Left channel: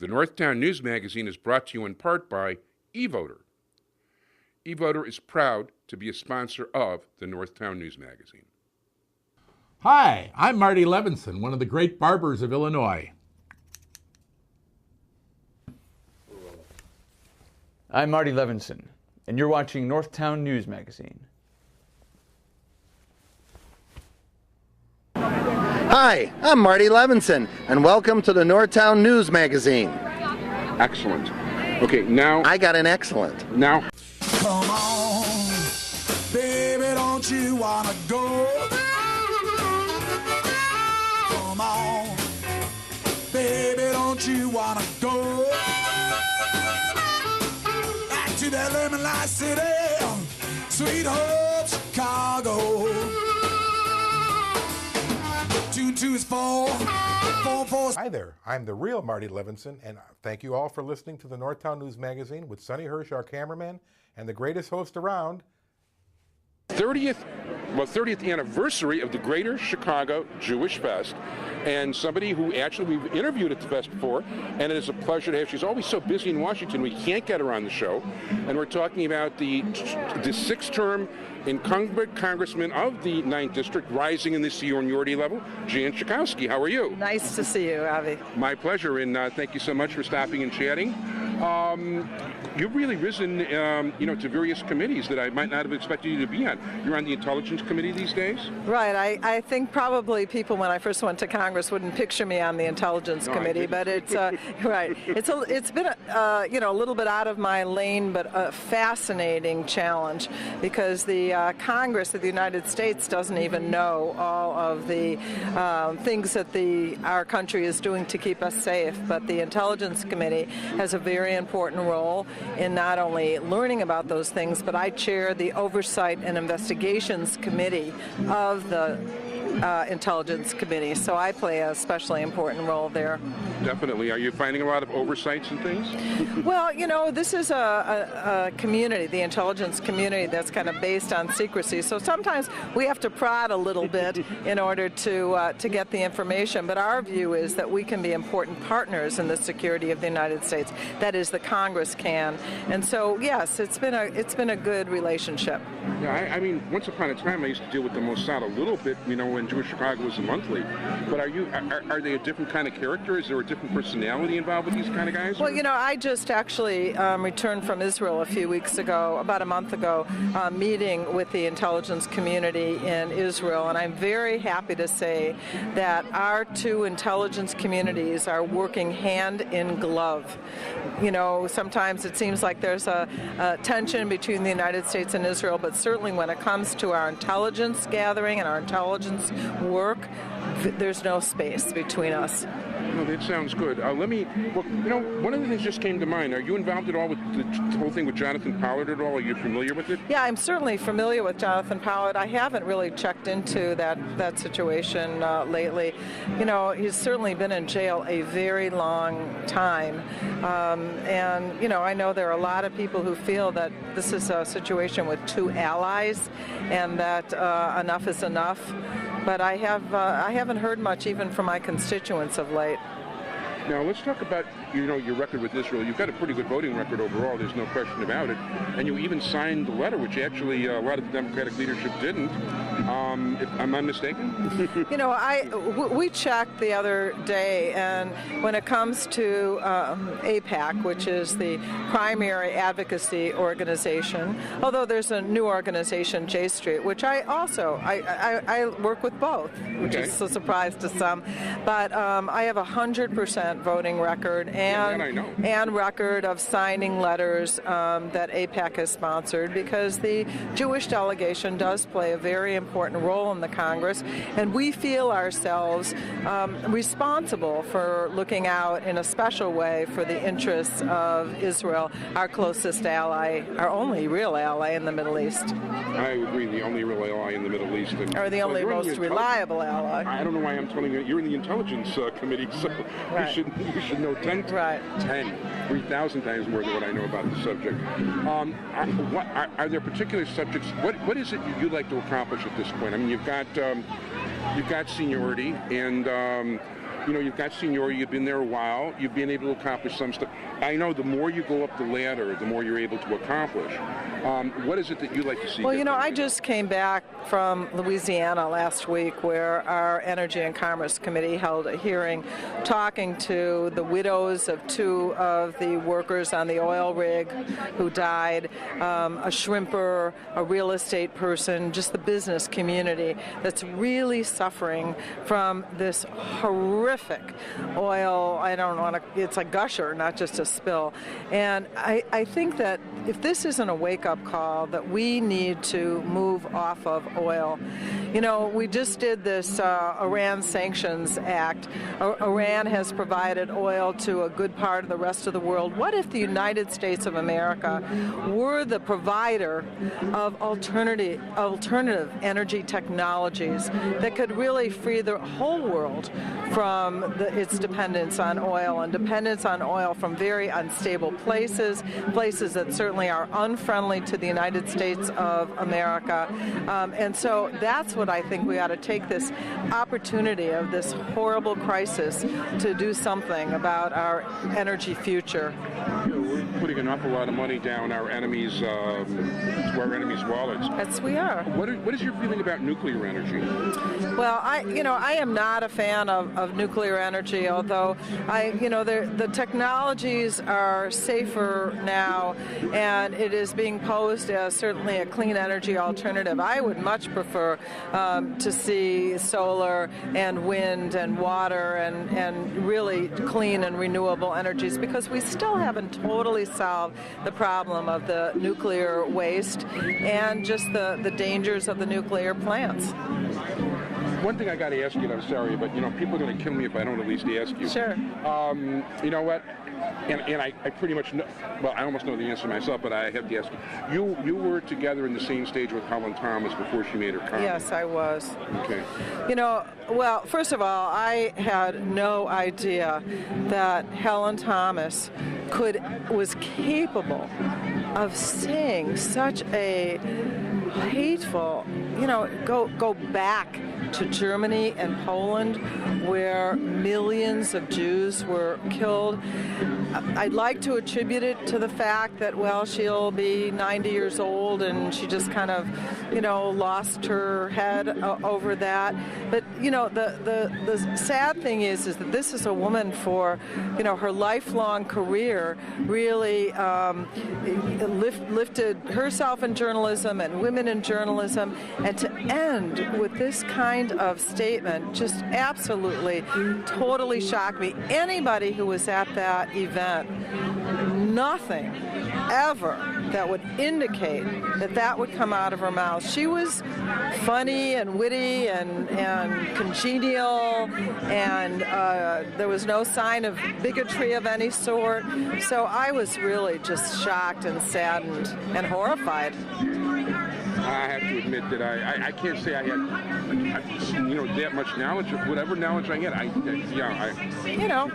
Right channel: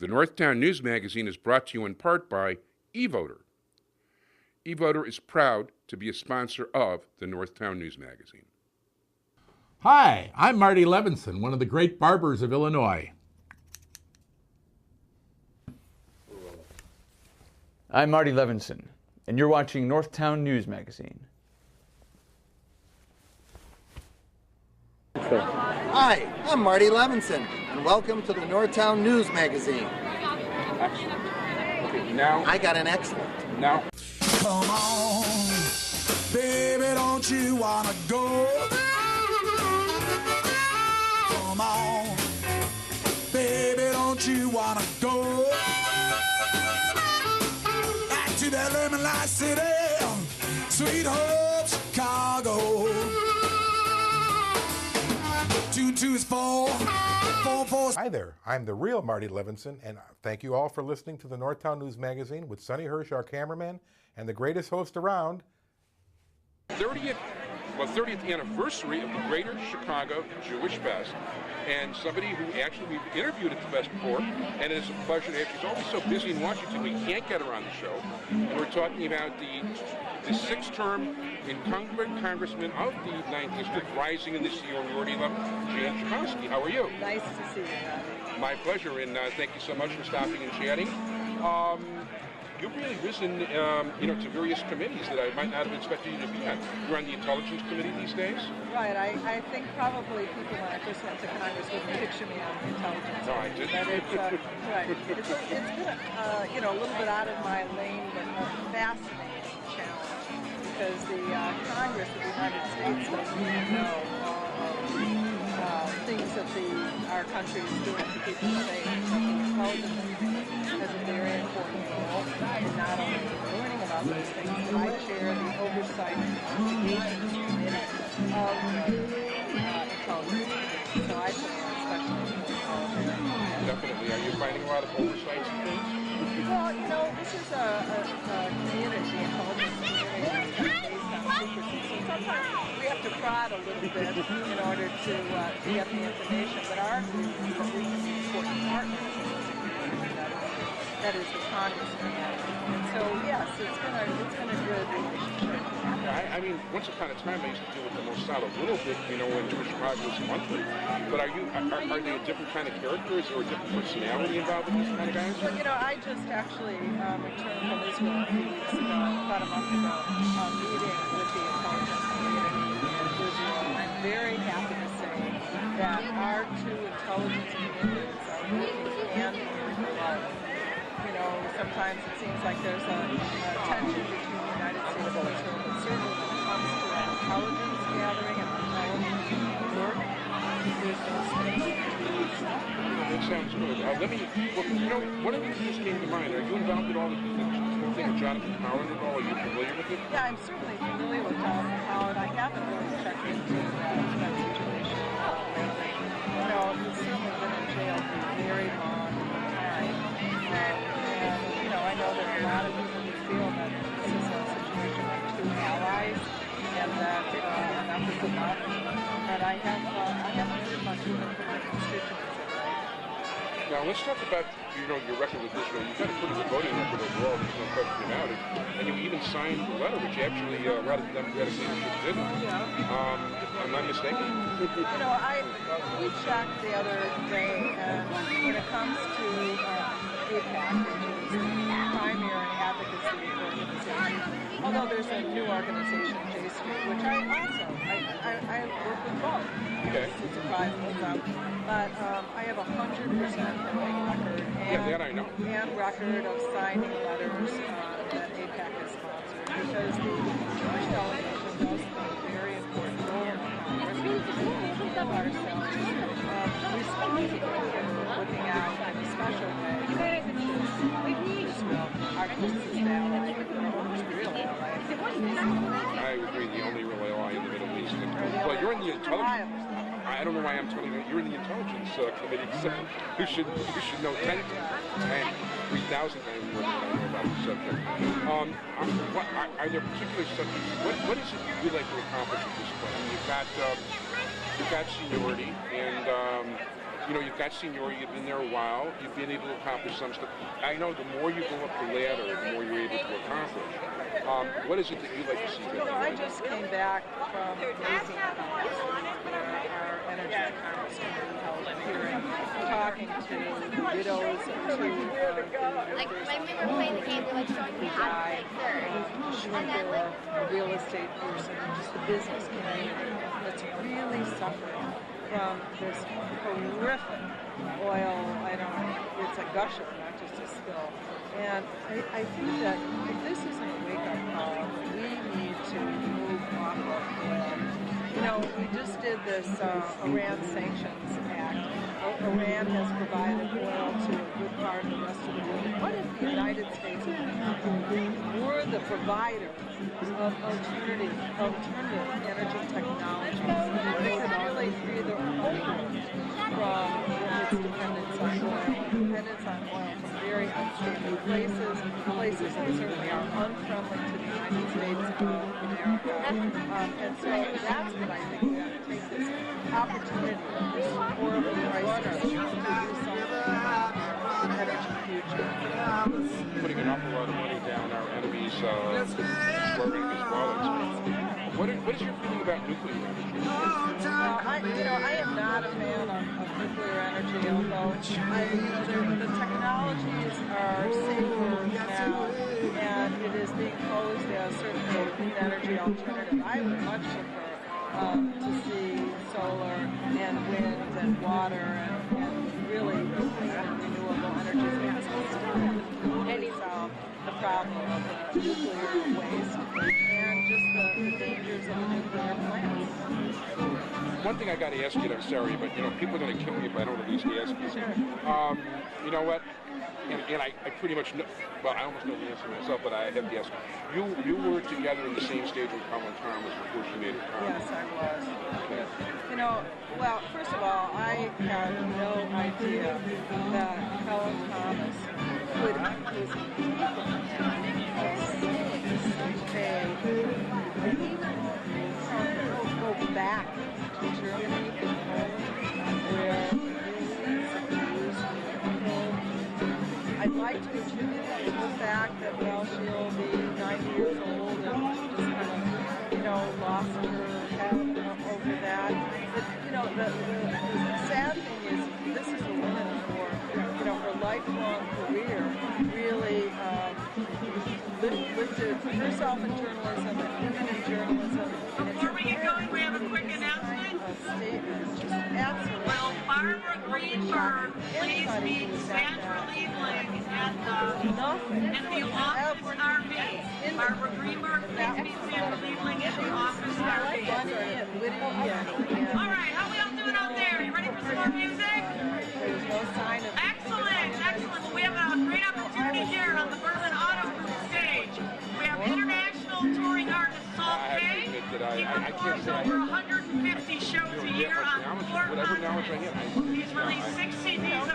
The Northtown News Magazine is brought to you in part by eVoter. eVoter is proud to be a sponsor of the Northtown News Magazine. Hi, I'm Marty Levinson, one of the great barbers of Illinois. I'm Marty Levinson, and you're watching Northtown News Magazine. Hi, I'm Marty Levinson, and welcome to the Northtown News Magazine. Excellent. Okay, now... I got an excellent. Now... Come on, baby, don't you wanna go? Come on, baby, don't you wanna go? Back to that lemon light city, sweet hope, Chicago. 224 44. Hi there, I'm the real Marty Levinson, and thank you all for listening to the Northtown News Magazine with Sonny Hirsch, our cameraman, and the greatest host around. 30th anniversary of the Greater Chicago Jewish Fest, and somebody who actually we've interviewed at the fest before, and it is a pleasure to have. She's always so busy in Washington, we can't get her on the show, and we're talking about the sixth-term incumbent congressman of the 9th District, rising in the seniority level, Jan Schakowsky. How are you? Nice to see you, Avi. My pleasure, and thank you so much for stopping and chatting. You've really risen, to various committees that I might not have expected you to be on. You're on the Intelligence Committee these days? Right. I think probably people, when I first went to Congress, wouldn't picture me on the Intelligence Committee, but it's right. It's been a little bit out of my lane, but a fascinating challenge because the Congress of the United States doesn't even know all of the things that our country is doing to keep us safe. But the Intelligence Committee has a very important role in not only learning about those things, but I chair the Oversight and Investigations Committee of the Intelligence Committee, so I play a especially important role there. Definitely. Are you finding a lot of oversights and things? Well, this is a community, the intelligence community, that's kind of based on secrecy, so sometimes we have to prod a little bit in order to get the information, but our view is that we can be important partners in the security of the United States. That is, the Congress can. And so, yes, it's been a good relationship. Yeah, I mean, once upon a time I used to deal with the Mossad a little bit, when Jewish Chicago was a monthly. But are they a different kind of character? Is there a different personality involved with these kind of guys? Well, I just actually returned from Israel a few weeks ago, about a month ago, meeting with the intelligence community in Israel, and I'm very happy to say that our two intelligence communities are working hand in glove. Sometimes it seems like there's a tension between the United States and Israel, but certainly when it comes to our intelligence gathering and our intelligence work, there's no space between us. No, that sounds good. One of the things just came to mind. Are you involved at all with the whole thing with Jonathan Pollard at all? Are you familiar with it? Yeah, I'm certainly familiar with Jonathan Pollard. I haven't really checked into that situation lately. He's certainly been in jail a very long time. And I know there are a lot of people who feel that this is a situation with two allies and that enough is enough. But I haven't heard much even from my constituents of late. Now let's talk about your record with Israel. You've got a pretty good voting record overall. There's no question about it. And you even signed the letter, which actually a lot of the Democratic leadership didn't. Am I mistaken? We checked the other day, and when it comes to AIPAC, which is the primary advocacy organization, although there's a new organization, J Street, which I work with both, which is a surprise to some. But I have 100% voting record and record of signing letters that AIPAC has sponsored, because the Jewish delegation does play a very important role in the Congress, and we feel ourselves responsible for looking out in a special way for the interests of Israel, our closest ally, our only real ally in the Middle East. I agree, the only real ally in the Middle East. Or the only most reliable ally. I don't know why I'm telling you, you're in the Intelligence Committee, so right. you should know 3,000 times more than what I know about the subject. Are there particular subjects? What is it you'd like to accomplish at this point? I mean, you've got seniority, and you've got seniority, you've been there a while, you've been able to accomplish some stuff. I know the more you go up the ladder, the more you're able to accomplish. What is it that you like to see? Well, I just came back from Louisiana last week where our Energy and Commerce Committee held a hearing talking to the widows of 2 of the workers on the oil rig who died, a shrimper, a real estate person, just the business community that's really suffering from this horrific oil. It's a gusher, not just a spill. And I think that if this isn't a wake-up call, that we need to move off of oil. We just did this Iran Sanctions Act. Iran has provided oil to a good part of the rest of the world. What if the United States of America were the provider of alternative energy technologies that could really free the whole world from its dependence on oil, and dependence on oil from very unstable places that certainly are unfriendly to the United States of America. And so that's what I think we ought to take this opportunity of this horrible crisis to do something about our energy future. We're putting an awful lot of money down our enemies' wallets. Yes, we are. What is your feeling about nuclear energy? Well, I am not a fan of nuclear energy, although the technologies are safer now, and it is being posed as certainly a clean energy alternative. I would much prefer to see solar and wind and water and really clean and renewable energies, because we still haven't totally solved the problem of the nuclear waste and just the dangers of the nuclear plants. One thing I got to ask you, and I'm sorry, but people are going to kill me if I don't at least ask you. Sure. You know what? And I pretty much know, well, I almost know the answer myself, but I have to ask you. You were together in the same stage with Helen Thomas before she made her comment. Yes, I was. Okay. Well, first of all, I had no idea that Helen Thomas was capable of saying such a hateful, go back to Germany and Poland, where millions of Jews were killed. I'd like to attribute it to the fact that, well, she'll be 90 years old and she just kind of, lost her head over that. But, the sad thing is that this is a woman for, her lifelong career really lifted herself in journalism and women in journalism, and to end with this kind of statement just absolutely, totally shocked me. Anybody who was at that event, nothing ever that would indicate that would come out of her mouth. She was funny and witty and congenial, and there was no sign of bigotry of any sort. So I was really just shocked and saddened and horrified. I have to admit that I can't say I had that much knowledge. Whatever knowledge I had,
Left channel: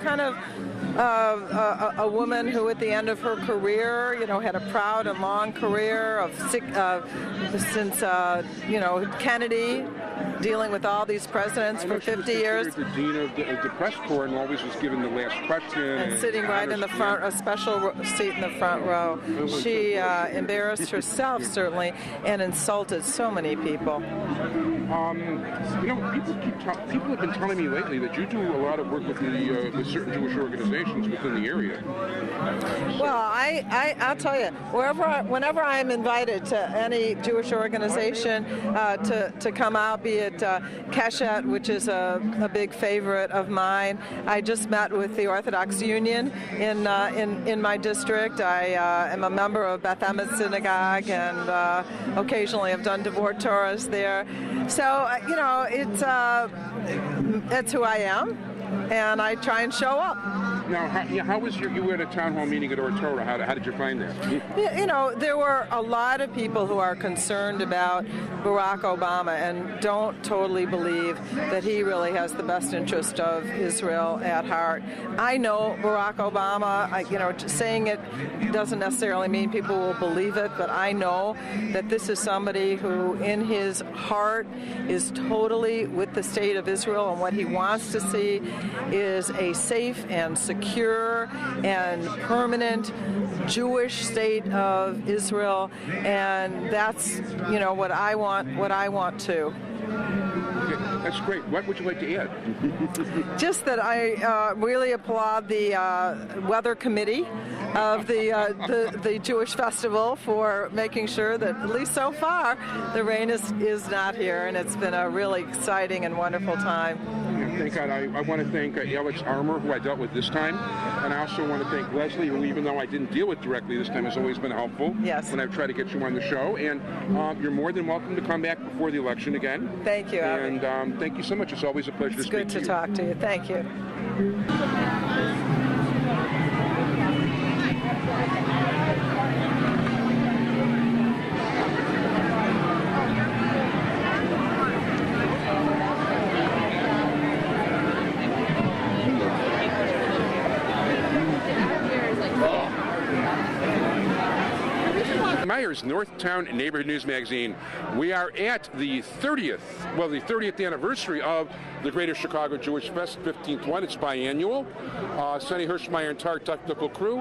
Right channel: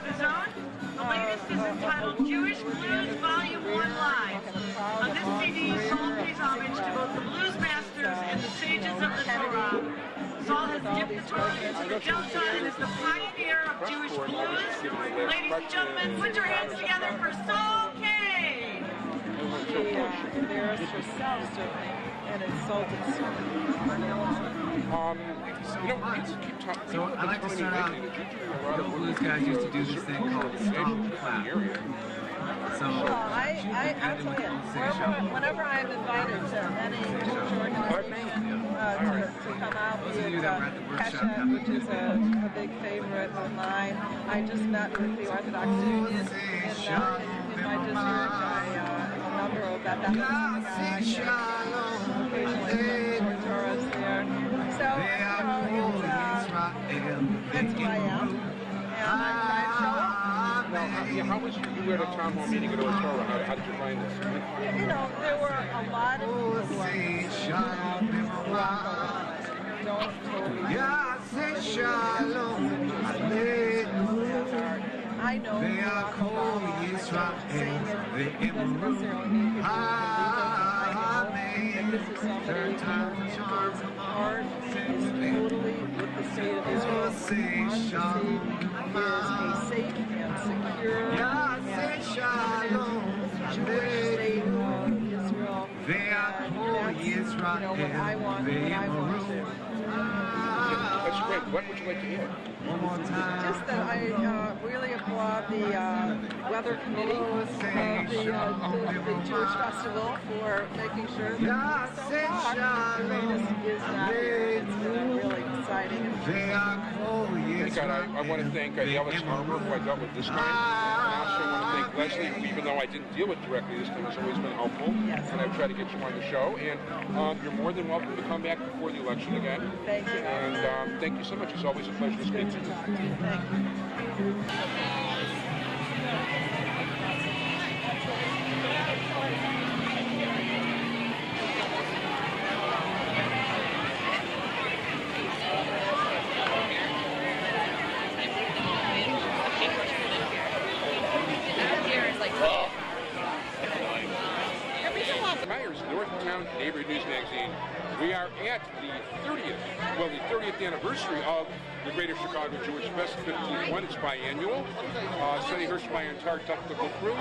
kind of a woman who at the end of her career, had a proud and long career since Kennedy, dealing with all these presidents for 50 years. The dean of the press corps and always was given the last question. And sitting right in the front, a special seat in the front row. She embarrassed herself, certainly, and insulted so many people. People have been telling me lately that you do a lot of work with certain Jewish organizations within the area. Well, I'll tell you, whenever I'm invited to any Jewish organization to come out, be it Keshet, which is a big favorite of mine. I just met with the Orthodox Union in my district. I am a member of Beth Emes Synagogue, and occasionally I've done Devor Torahs there. So, it's who I am, and I try and show up. Now, how was you were at a town hall meeting at Ortoro? How did you find that? Yeah, you know, there were a lot of people who are concerned about Barack Obama and don't totally believe that he really has the best interest of Israel at heart. I know Barack Obama, saying it doesn't necessarily mean people will believe it, but I know that this is somebody who in his heart is totally with the state of Israel, and what he wants to see is a safe and secure and permanent Jewish state of Israel, and that's what I want too. That's great. What would you like to add? Just that I really applaud the weather committee of the Jewish festival for making sure that, at least so far, the rain is not here, and it's been a really exciting and wonderful time. Thank God. I want to thank Alex Armour, who I dealt with this time, and I also want to thank Leslie, who, even though I didn't deal with directly this time, has always been helpful. Yes. And I've tried to get you on the show, and you're more than welcome to come back before the election again. Thank you. And thank you so much. It's always a pleasure to speak to you. It's good to talk to you. Thank you. Myers, Northtown Neighborhood News Magazine. We are at the 30th anniversary of the Greater Chicago Jewish Fest, 15th one. It's biannual. Sonny Hirschmeyer, entire technical crew.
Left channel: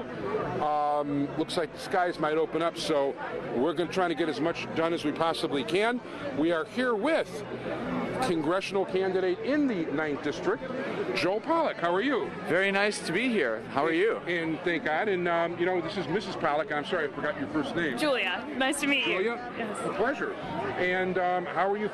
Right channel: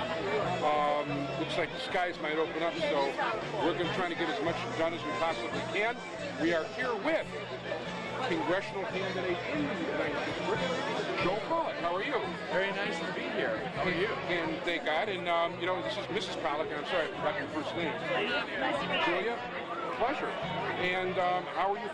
Looks like the skies might open up, so we're going to try to get as much done as we possibly can. We are here with congressional candidate in the 9th District, Joel Pollack. How are you? Very nice to be here. How are you? And thank God. And, this is Mrs. Pollack. I'm sorry, I forgot your first name. Julia. Nice to meet you. Julia? Yes. A pleasure. And how are you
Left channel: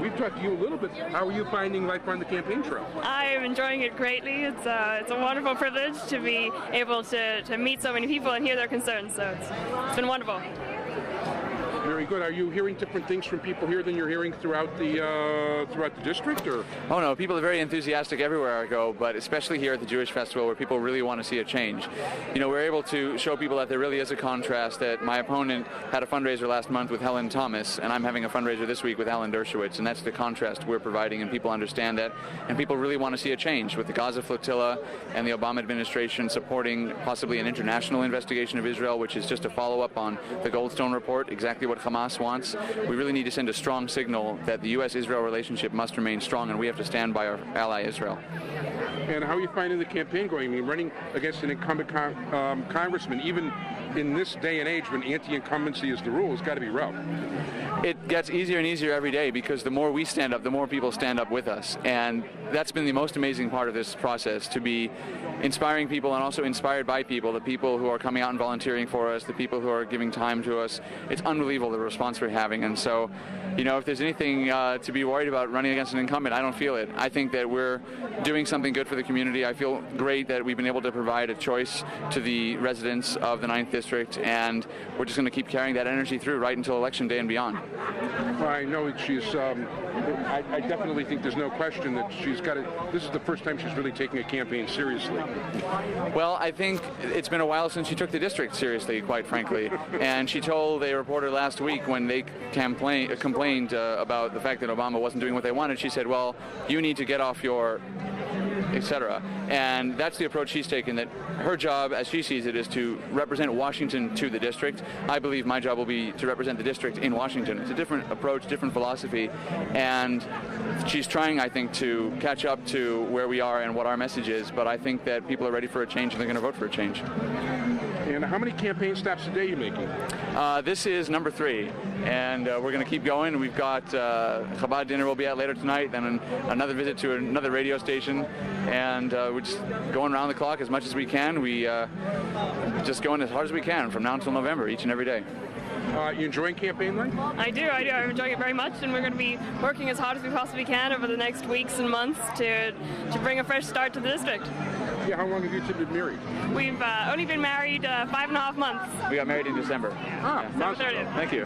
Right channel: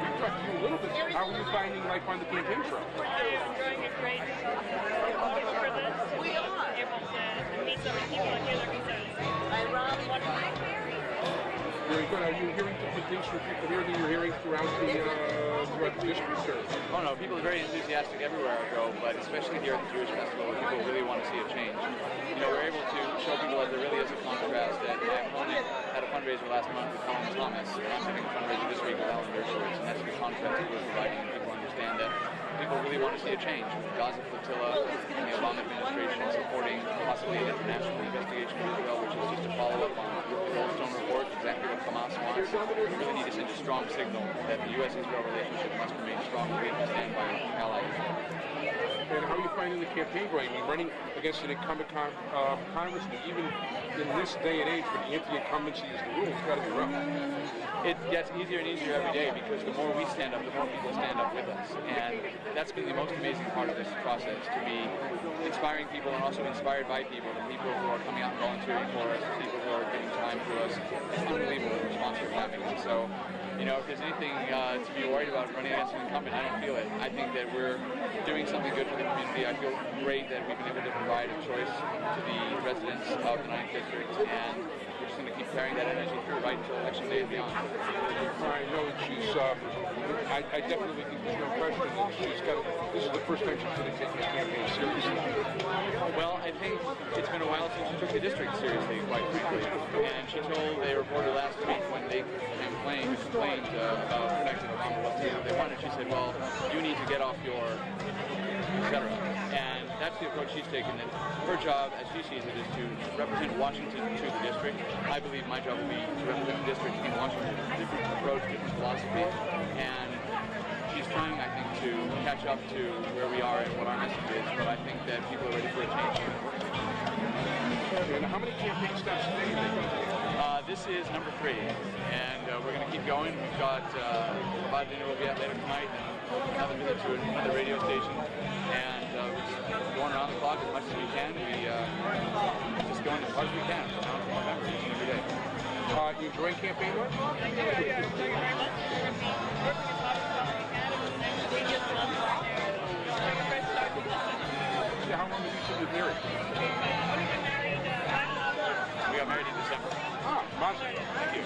we've talked to you a little bit. How are you finding life on the campaign trail? I'm enjoying it greatly. It's a wonderful privilege to be able to meet so many people and hear their concerns. So it's been wonderful. Very good. Are you hearing different things from people here than you're hearing throughout the district, or? Oh no, people are very enthusiastic everywhere I go, but especially here at the Jewish Festival, where people really want to see a change. We're able to show people that there really is a contrast, that my opponent had a fundraiser last month with Helen Thomas, and I'm having a fundraiser this week with Alan Dershowitz, and that's the contrast we're providing, and people understand that, and people really want to see a change with the Gaza flotilla and the Obama administration supporting possibly an international investigation of Israel, which is just a follow-up on the Goldstone report, exactly what Hamas wants. We really need to send a strong signal that the U.S.-Israel relationship must remain strong, and we have to stand by our ally Israel. And how are you finding the campaign going? I mean, running against an incumbent congressman, even in this day and age when anti-incumbency is the rule, it's got to be rough. It gets easier and easier every day, because the more we stand up, the more people stand up with us. And that's been the most amazing part of this process, to be inspiring people and also inspired by people, the people who are coming out and volunteering for us, the people who are giving time to us. It's unbelievable the response we're having. And so, if there's anything to be worried about running against an incumbent, I don't feel it. I think that we're doing something good for the community. I feel great that we've been able to provide a choice to the residents of the 9th District, and we're just going to keep carrying that energy through right until Election Day and beyond. Well, I know she's, I definitely think there's no question that this is the first time she's really taking a campaign seriously. Well, I think it's been a while since she took the district seriously, quite frankly. And she told a reporter last week when they complained about the fact that Obama wasn't doing what they wanted, she said, well, you need to get off your etc. And that's the approach she's taken, that her job, as she sees it, is to represent Washington to the district. I believe my job will be to represent the district in Washington. It's a different approach, different philosophy, and she's trying, I think, to catch up to where we are and what our message is, but I think that people are ready for a change and they're going to vote for a change. And how many campaign stops a day are you making? This is number 3, and we're going to keep going. We've got Chabad dinner we'll be at later tonight, then another visit to another radio station, and we're just going around the clock as much as we can. We just going as hard as we can from now until November, each and every day. You enjoying campaigning? I do. I'm enjoying it very much, and we're going to be working as hard as we possibly can over the next weeks and months to bring a fresh start to the district. Yeah, how long have you two been married? We've only been married 5.5 months. We got married in December. Ah, monster. 30th. Thank you.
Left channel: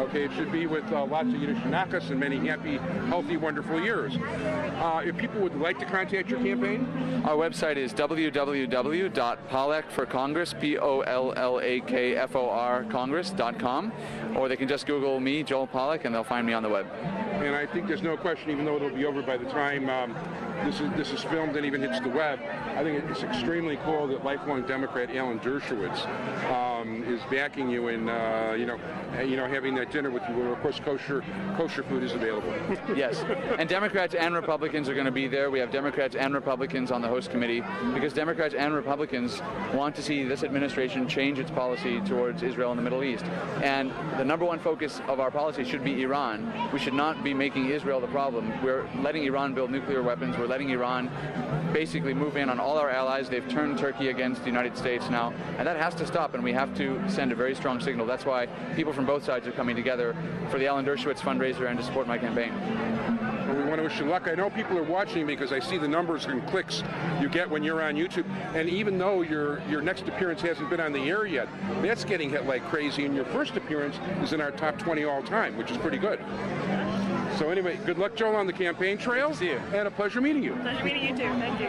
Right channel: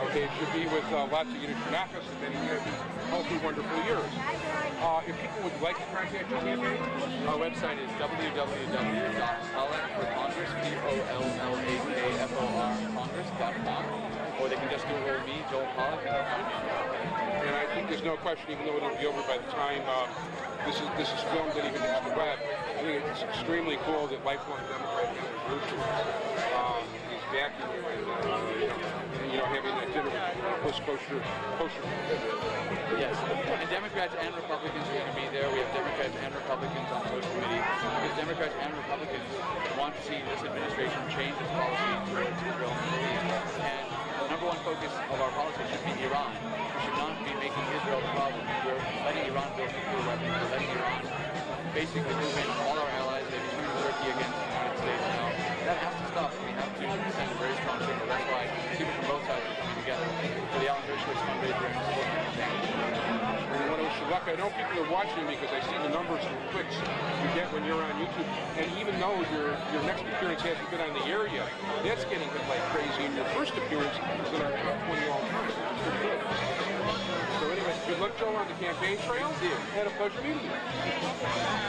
Okay, it should be with lots of Yiddish Shanakas and many happy, healthy, wonderful years. If people would like to contact your campaign, Our website is www.pollakforcongress, POLLAKFOR Congress.com, or they can just Google me, Joel Pollak, and they'll find me on the web. and I think there's no question, even though it'll be over by the time this is filmed and even hits the web, I think it's extremely cool that lifelong Democrat Alan Dershowitz is backing you and having that dinner with you when of course kosher food is available. Yes, and Democrats and Republicans are going to be there. We have Democrats and Republicans on the host committee because Democrats and Republicans want to see this administration change its policy towards Israel and the Middle East. And the number one focus of our policy should be Iran. We should not be making Israel the problem. We're letting Iran build nuclear weapons. We're letting Iran basically move in on all our allies. They've turned Turkey against the United States now, and that has to stop, and we have to send a very strong signal. That's why people from both sides are coming together for the Alan Dershowitz fundraiser and to support my campaign. We want to wish you luck. I know people are watching me because I see the numbers and clicks you get when you're on YouTube, and even though your next appearance hasn't been on the air yet, that's getting hit like crazy, and your first appearance is in our top 20 all time, which is pretty good. So anyway, good luck, Joe, on the campaign trail. See you. And a pleasure meeting you. Nice meeting you too. Thank you.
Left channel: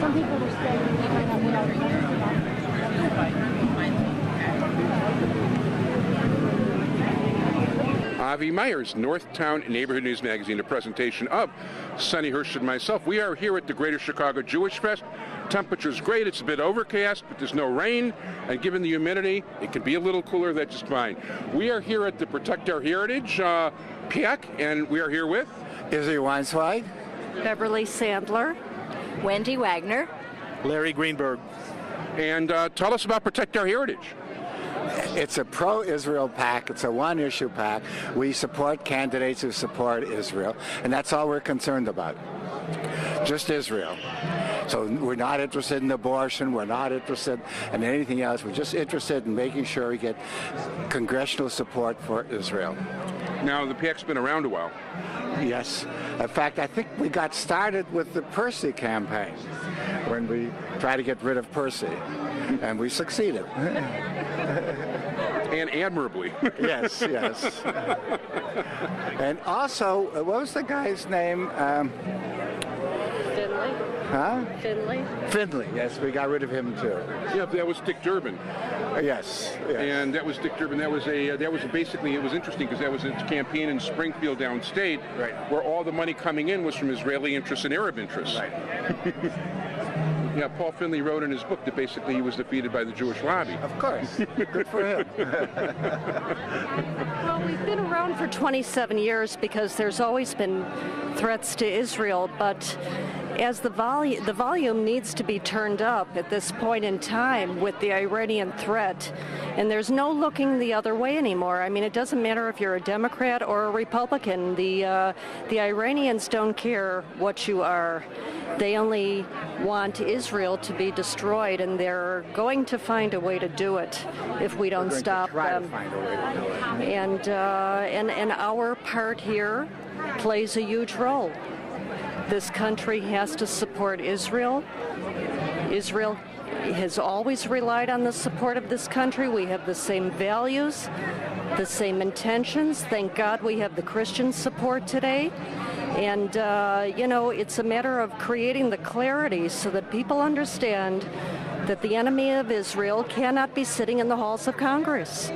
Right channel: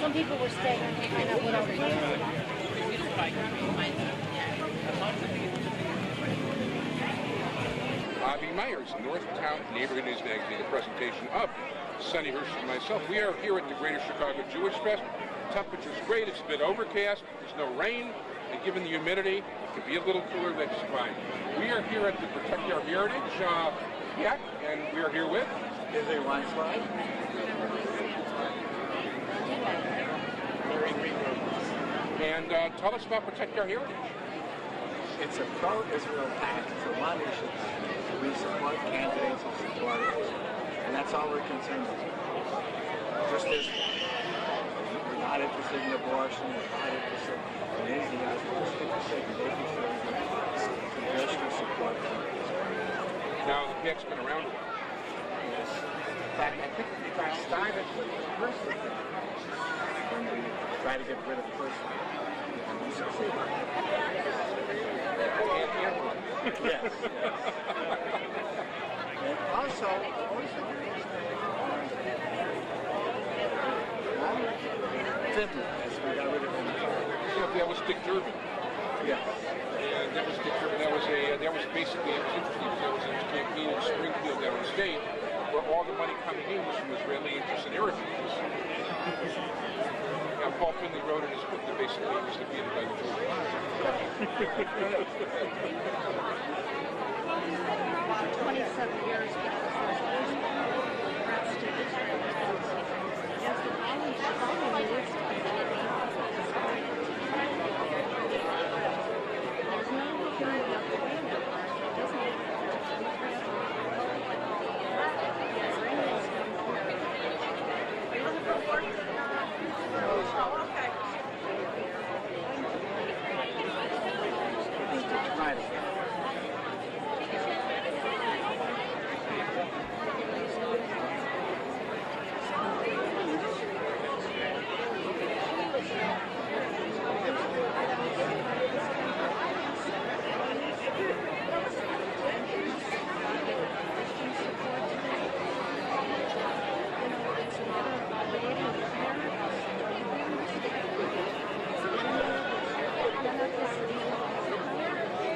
Some people were standing behind them without Avi Meyers, Northtown Neighborhood News Magazine, a presentation of Sonny Hirsch and myself. We are here at the Greater Chicago Jewish Fest. Temperature's great. It's a bit overcast, but there's no rain. And given the humidity, it can be a little cooler. That's just fine. We are here at the Protect Our Heritage PAC, and we are here with Izzy Weinswide, Beverly Sandler, Wendy Wagner, Larry Greenberg. And tell us about Protect Our Heritage. It's a pro-Israel PAC. It's a one-issue PAC. We support candidates who support Israel, and that's all we're concerned about. Just Israel. So we're not interested in abortion. We're not interested in anything else. We're just interested in making sure we get congressional support for Israel. Now, the PAC's been around a while. Yes. In fact, I think we got started with the Percy campaign when we tried to get rid of Percy, and we succeeded. And admirably. Yes, yes. And also, what was the guy's name? Finley. Finley, yes, we got rid of him too. Yeah, that was Dick Durbin. Yes, yes. And that was Dick Durbin. It was interesting because that was a campaign in Springfield downstate, right, where all the money coming in was from Israeli interests and Arab interests. Right. Yeah, Paul Finley wrote in his book that basically he was defeated by the Jewish lobby. Of course. Good for him. Well, we've been around for 27 years because there's always been threats to Israel, but as the volume needs to be turned up at this point in time with the Iranian threat, and there's no looking the other way anymore. I mean, it doesn't matter if you're a Democrat or a Republican. The Iranians don't care what you are. They only want Israel to be destroyed, and they're going to find a way to do it if we don't stop them. And our part here plays a huge role. This country has to support Israel. Israel has always relied on the support of this country. We have the same values, the same intentions. Thank God we have the Christian support today. And, it's a matter of creating the clarity so that people understand that the enemy of Israel cannot be sitting in the halls of Congress.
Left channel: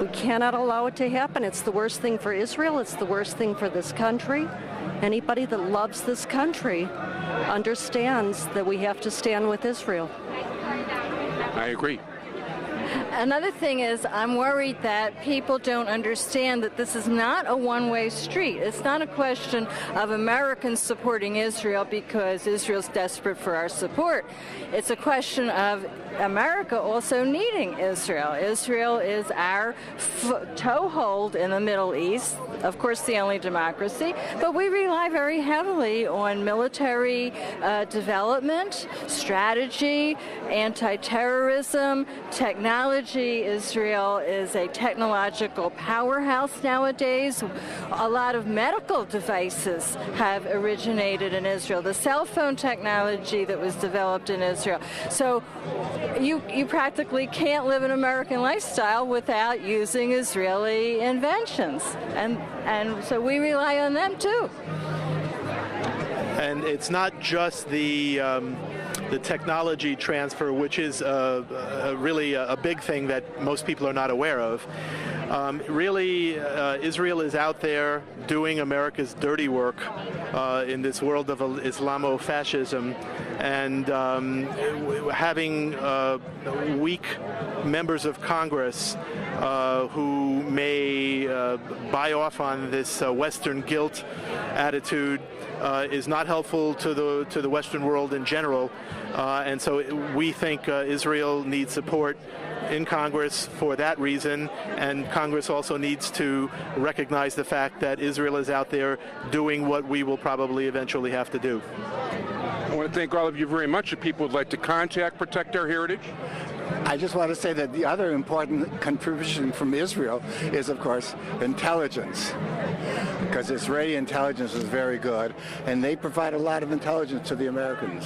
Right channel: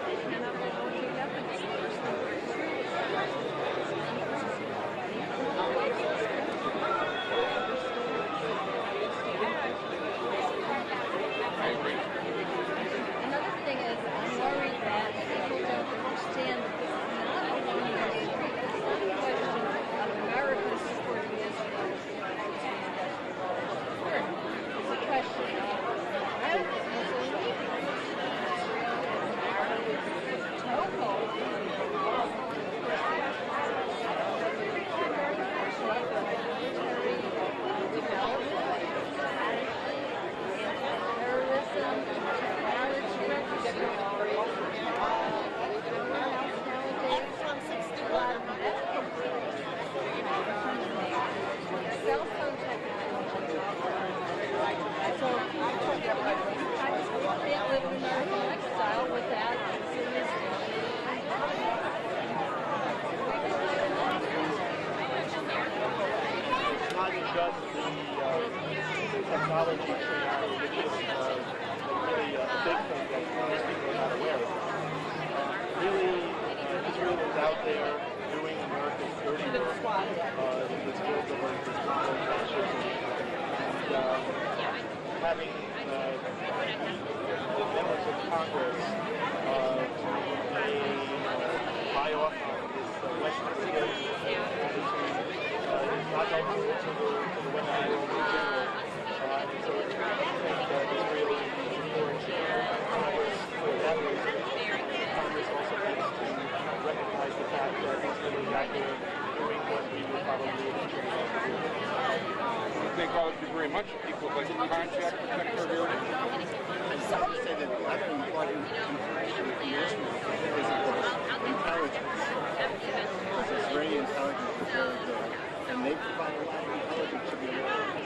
We cannot allow it to happen. It's the worst thing for Israel. It's the worst thing for this country. Anybody that loves this country understands that we have to stand with Israel. I agree. Another thing is, I'm worried that people don't understand that this is not a one-way street. It's not a question of Americans supporting Israel because Israel's desperate for our support. It's a question of America also needing Israel. Israel is our toehold in the Middle East, of course the only democracy, but we rely very heavily on military development, strategy, anti-terrorism, technology. technology. Israel is a technological powerhouse nowadays. A lot of medical devices have originated in Israel. The cell phone technology that was developed in Israel. So you practically can't live an American lifestyle without using Israeli inventions. And so we rely on them too. And it's not just the technology transfer, which is really a big thing that most people are not aware of. Really, Israel is out there doing America's dirty work in this world of Islamofascism, and having weak members of Congress who may buy off on this Western guilt attitude is not helpful to the Western world in general. And so we think Israel needs support in Congress for that reason, and Congress also needs to recognize the fact that Israel is out there doing what we will probably eventually have to do. I want to thank all of you very much. If people would like to contact Protect Our Heritage. I just want to say that the other important contribution from Israel is, of course, intelligence, because Israeli intelligence is very good, and they provide a lot of intelligence to the Americans.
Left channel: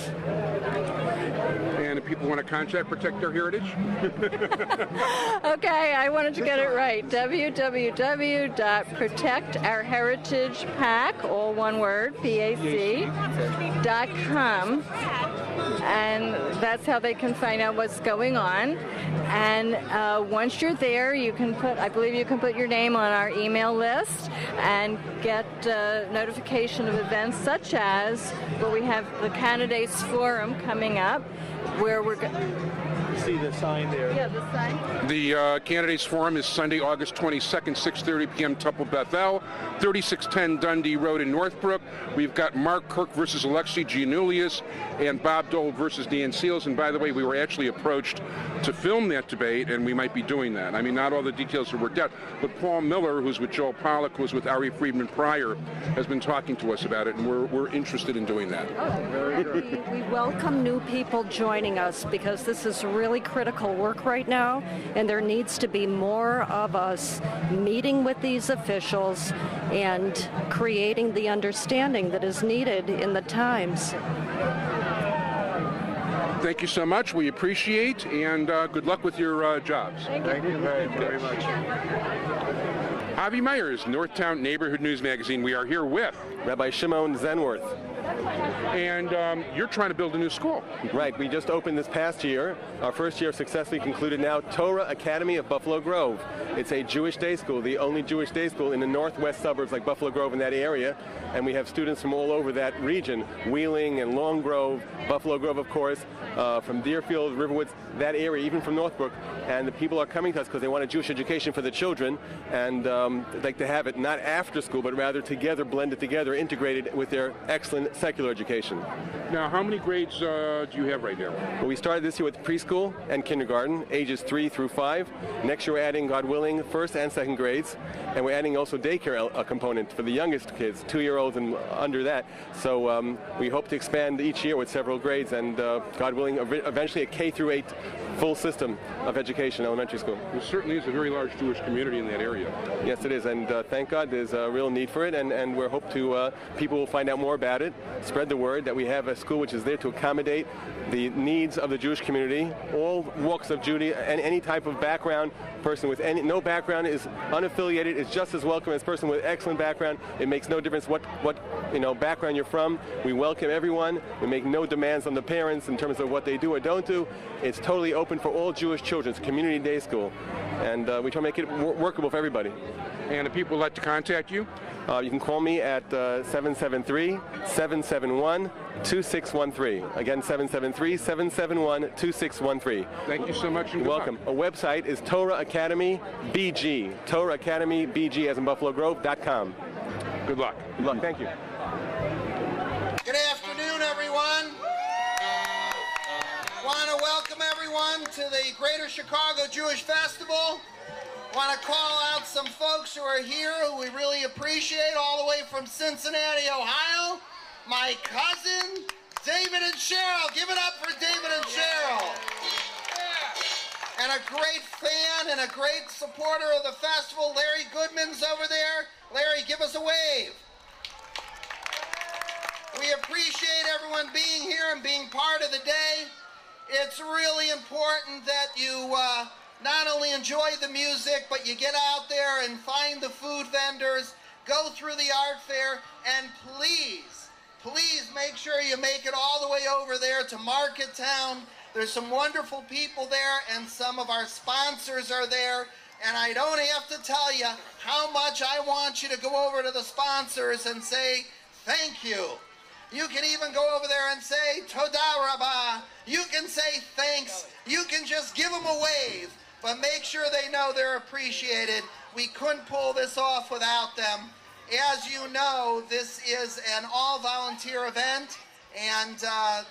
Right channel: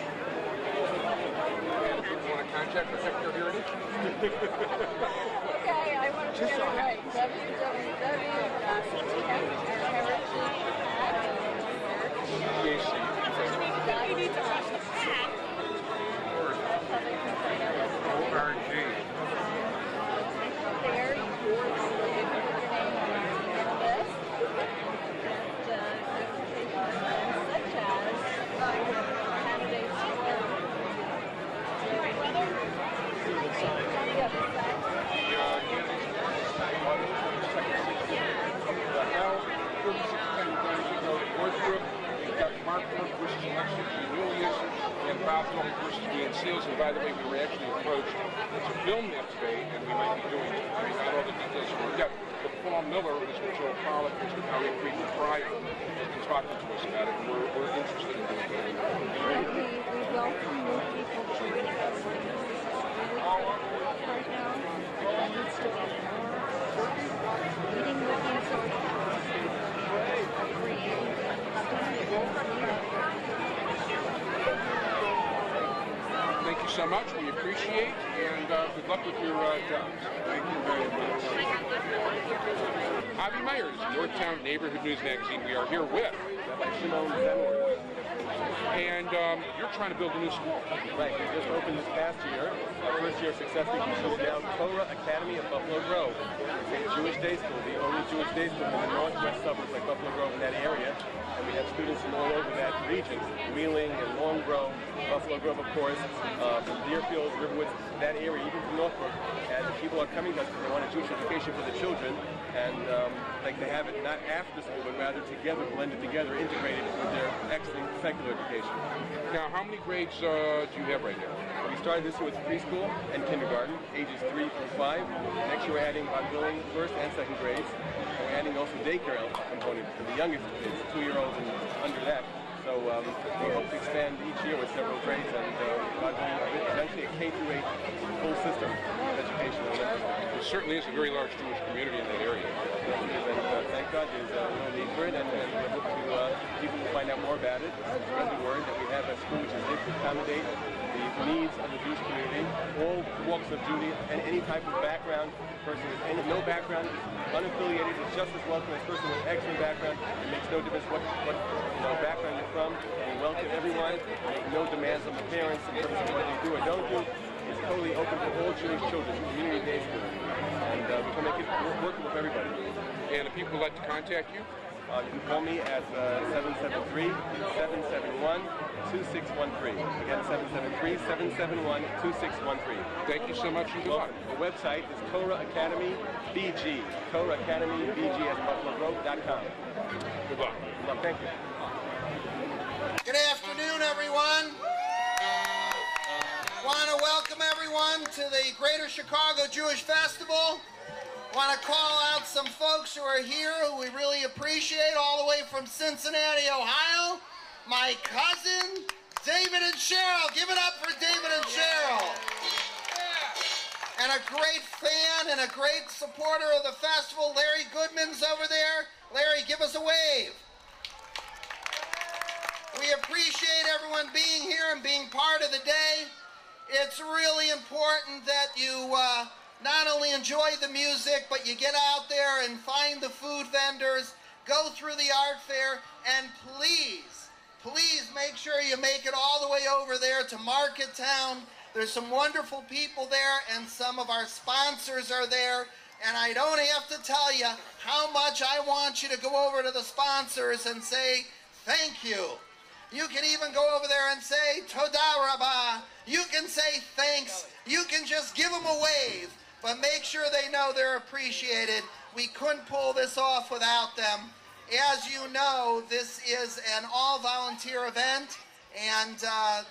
And if people want to contact Protect Our Heritage? Okay, I wanted to get it right. www.protectourheritagepac, all one word, PAC.com. And that's how they can find out what's going on. And once you're there, you can put, I believe you can put your name on our email list and get notification of events such as where we have the Candidates Forum coming up, where we're going to see the sign there. The Candidates Forum is Sunday, August 22nd, 6:30 p.m. Temple Bethel, 3610 Dundee Road in Northbrook. We've got Mark Kirk versus Alexi Giannoulias and Bob Dole versus Dan Seals. And by the way, we were actually approached to film that debate, and we might be doing that. I mean, not all the details are worked out, but Paul Miller, who's with Joel Pollack, who's with Ari Friedman prior, has been talking to us about it, and we're interested in doing that. We welcome new people joining us because this is really critical work right now, and there needs to be more of us meeting with these officials and creating the understanding that is needed in the times. Thank you so much. We appreciate, and good luck with your jobs. Thank you very much. Avi Myers, Northtown Neighborhood News Magazine. We are here with Rabbi Shimon Zenworth. And you're trying to build a new school. Right. We just opened this past year. Our first year successfully concluded now, Torah Academy of Buffalo Grove. It's a Jewish day school, the only Jewish day school in the northwest suburbs like Buffalo Grove in that area. And we have students from all over that region, Wheeling and Long Grove, Buffalo Grove, of course, from Deerfield, Riverwoods, that area, even from Northbrook. And the people are coming to us because they want a Jewish education for the children, and they'd like to have it not after school, but rather together, blended together, integrated with their excellent secular education. Now, how many grades do you have right now? Well, we started this year with preschool and kindergarten, ages 3 through 5. Next year we're adding, God willing, first and second grades, and we're adding also daycare a component for the youngest kids, 2-year-olds and under that. So we hope to expand each year with several grades, and God willing, eventually a K through 8 full system of education, elementary school. There certainly is a very large Jewish community in that area. Yes, it is, and thank God there's a real need for it, and we hope to people will find out more about it, spread the word that we have a school which is there to accommodate the needs of the Jewish community, all walks of Judaism, and any type of background. Person with no background is unaffiliated, is just as welcome as a person with excellent background. It makes no difference what background you're from. We welcome everyone. We make no demands on the parents in terms of what they do or don't do. It's totally open for all Jewish children. It's a community day school, and we try to make it workable for everybody. And if people would like to contact you? You can call me at 773-771-2613. Again, 773-771-2613. Thank you so much. You're welcome. Our website is Torah Academy BG. Torah Academy BG as in Buffalo Grove.com. Good luck. Good luck. Thank you. Good afternoon, everyone. Want to welcome everyone to the Greater Chicago Jewish Festival. Want to call out some folks who are here who we really appreciate, all the way from Cincinnati, Ohio. My cousin, David and Cheryl. Give it up for David and Cheryl. and a great fan and a great supporter of the festival. Larry Goodman's over there. Larry, give us a wave. We appreciate everyone being here and being part of the day. It's really important that you not only enjoy the music, but you get out there and find the food vendors, go through the art fair, and please, please make sure you make it all the way over there to Market Town. There's some wonderful people there, and some of our sponsors are there. And I don't have to tell you how much I want you to go over to the sponsors and say thank you. You can even go over there and say Toda Rabah. You can say thanks. You can just give them a wave, but make sure they know they're appreciated. We couldn't pull this off without them. As you know, this is an all-volunteer event, and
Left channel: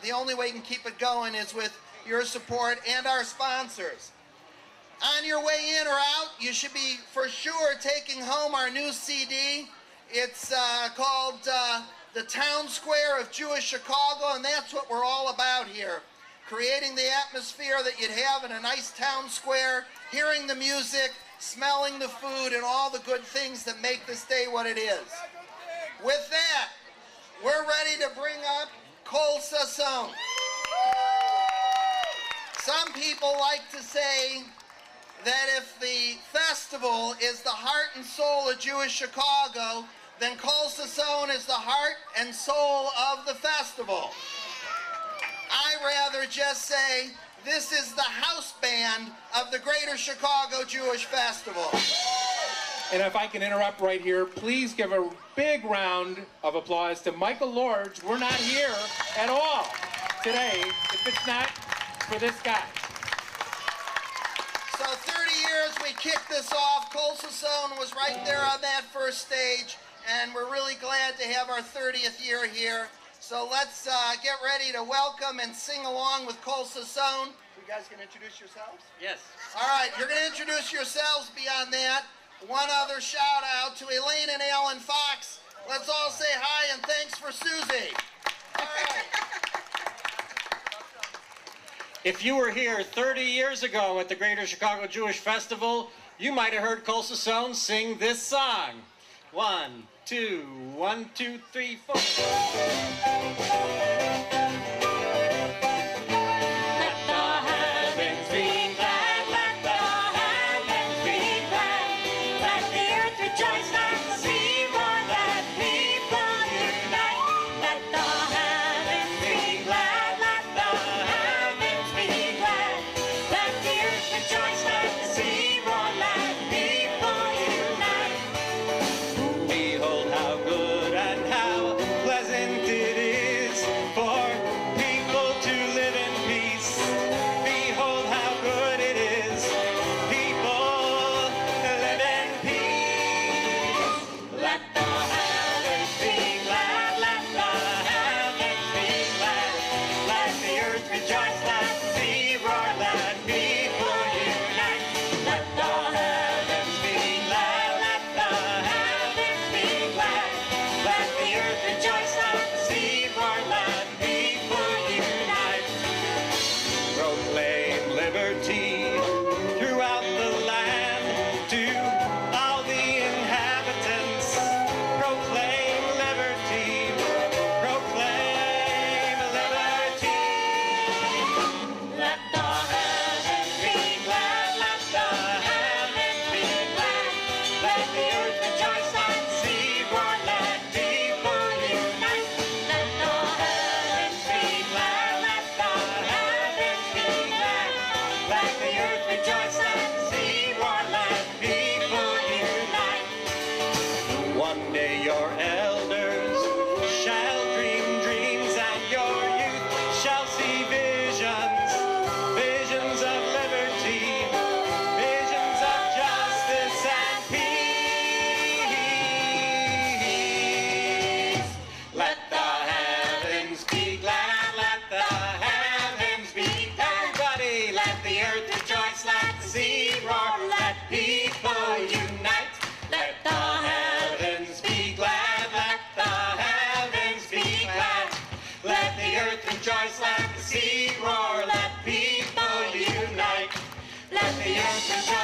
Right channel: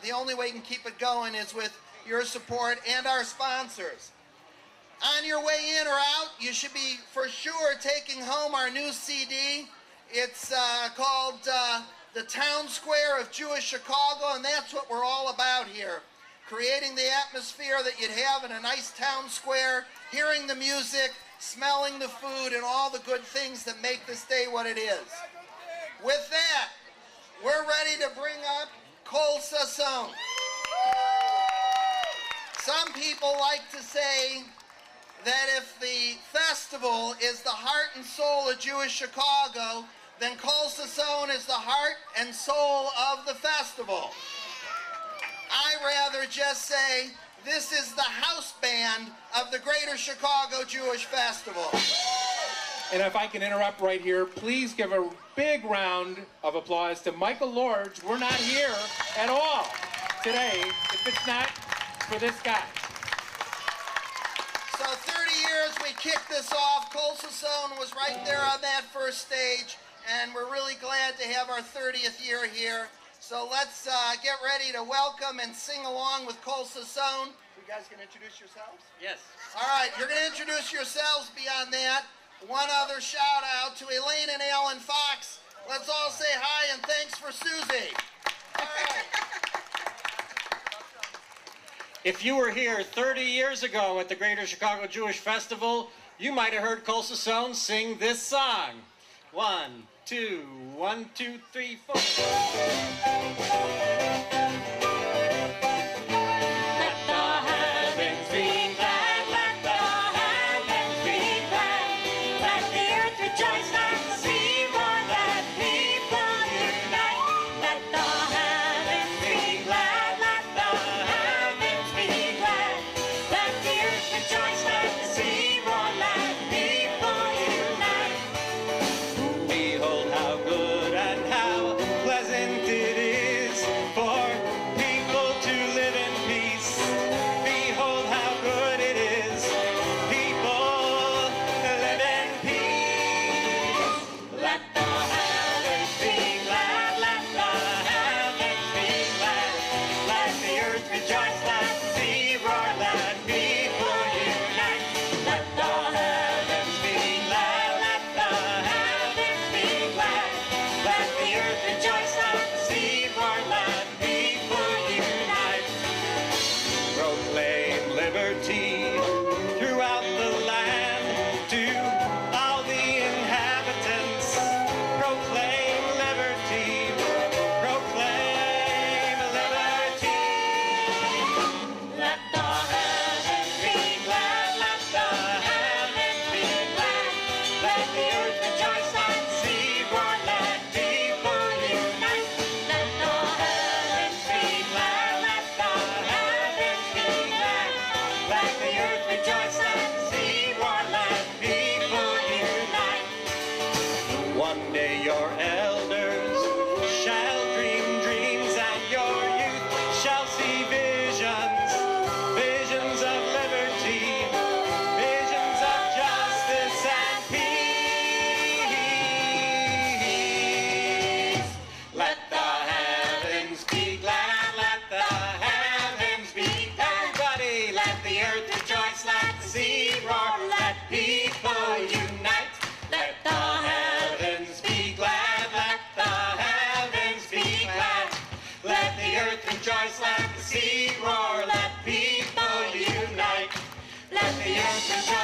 the only way you can keep it going is with your support and our sponsors. On your way in or out, you should be for sure taking home our new CD. It's called The Town Square of Jewish Chicago, and that's what we're all about here. Creating the atmosphere that you'd have in a nice town square, hearing the music, smelling the food, and all the good things that make this day what it is. With that, we're ready to bring up Kol Sasson. Some people like to say that if the festival is the heart and soul of Jewish Chicago, then Kol Sasson is the heart and soul of the festival. I rather just say this is the house band of the Greater Chicago Jewish Festival. And if I can interrupt right here, please give a big round of applause to Michael Lorge. We're not here at all today if it's not for this guy. So 30 years we kicked this off. Kol Sasson was right there on that first stage, and we're really glad to have our 30th year here. So let's get ready to welcome and sing along with Kol Sasson. You guys can introduce yourselves? Yes. All right, you're going to introduce yourselves beyond that. One other shout out to Elaine and Alan Fox. Let's all say hi and thanks for Susie. All right. If you were here 30 years ago at the Greater Chicago Jewish Festival, you might have heard Kol Sasson sing this song. 1, 2, 1, 2, 3, 4. Rejoice, let the sea roar, let people unite. Let America.